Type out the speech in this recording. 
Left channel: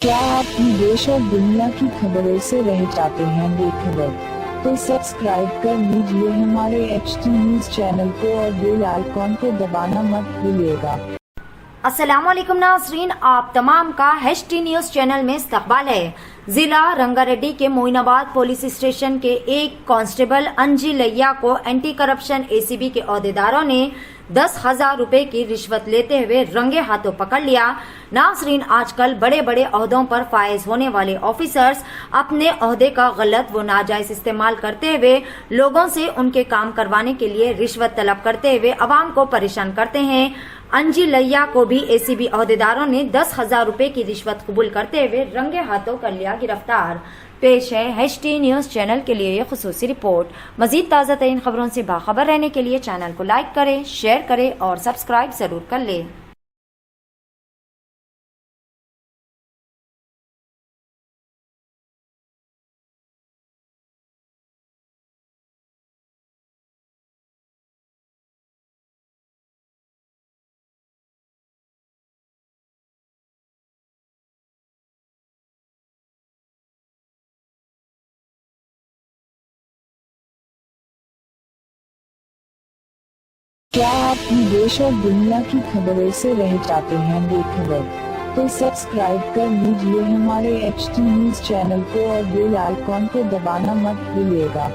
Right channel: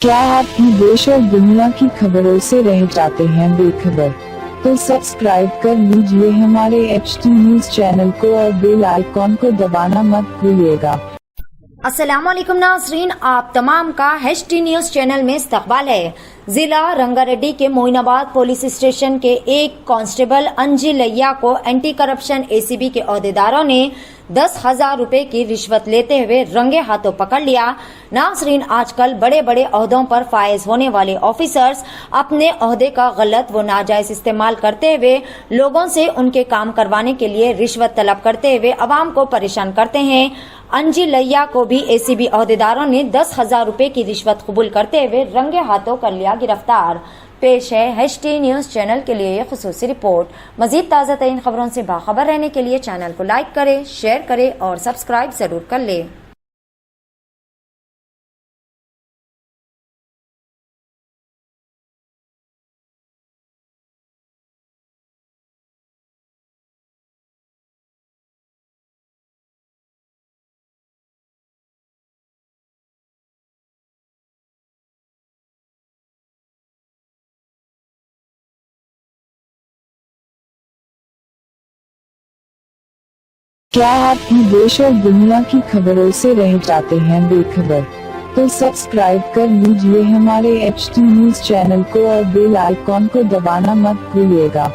क्या आप देश और दुनिया की खबरों से रह जाते हैं बेखबर? तो सब्सक्राइब कर लीजिए हमारे HT न्यूज चैनल को और बेल आइकॉन को दबाना मत भूलिएगा। अस्सलामुअलैकुम नाज़रीन, आप तमाम का HT न्यूज चैनल में इस्तकबाल है। जिला रंगारेड्डी के मोइनाबाद पुलिस स्टेशन के एक कांस्टेबल अंजी लैया को एंटी करप्शन ACB के अहदेदारों ने 10,000 रुपए की रिश्वत लेते हुए रंगे हाथों पकड़ लिया। नाज़रीन, आजकल बड़े बड़े ओहदों पर फायज होने वाले ऑफिसर्स अपने ओहदे का गलत व नाजायज इस्तेमाल करते हुए लोगों से उनके काम करवाने के लिए रिश्वत तलब करते हुए अवाम को परेशान करते हैं। अंजी लैया को भी ACB अहदेदारों ने 10,000 रुपए की रिश्वत कबूल करते हुए रंगे हाथों कर लिया गिरफ्तार। पेश है HT न्यूज चैनल के लिए खुसूसी रिपोर्ट। मजीद ताज़ा तरीन खबरों से बाखबर रहने के लिए चैनल को लाइक करें, शेयर करें और सब्सक्राइब जरूर कर लें। क्या आप देश और दुनिया की खबरों से रह जाते हैं बेखबर? तो सब्सक्राइब कर लीजिए हमारे HT न्यूज चैनल को और बेल आइकॉन को दबाना मत भूलिएगा।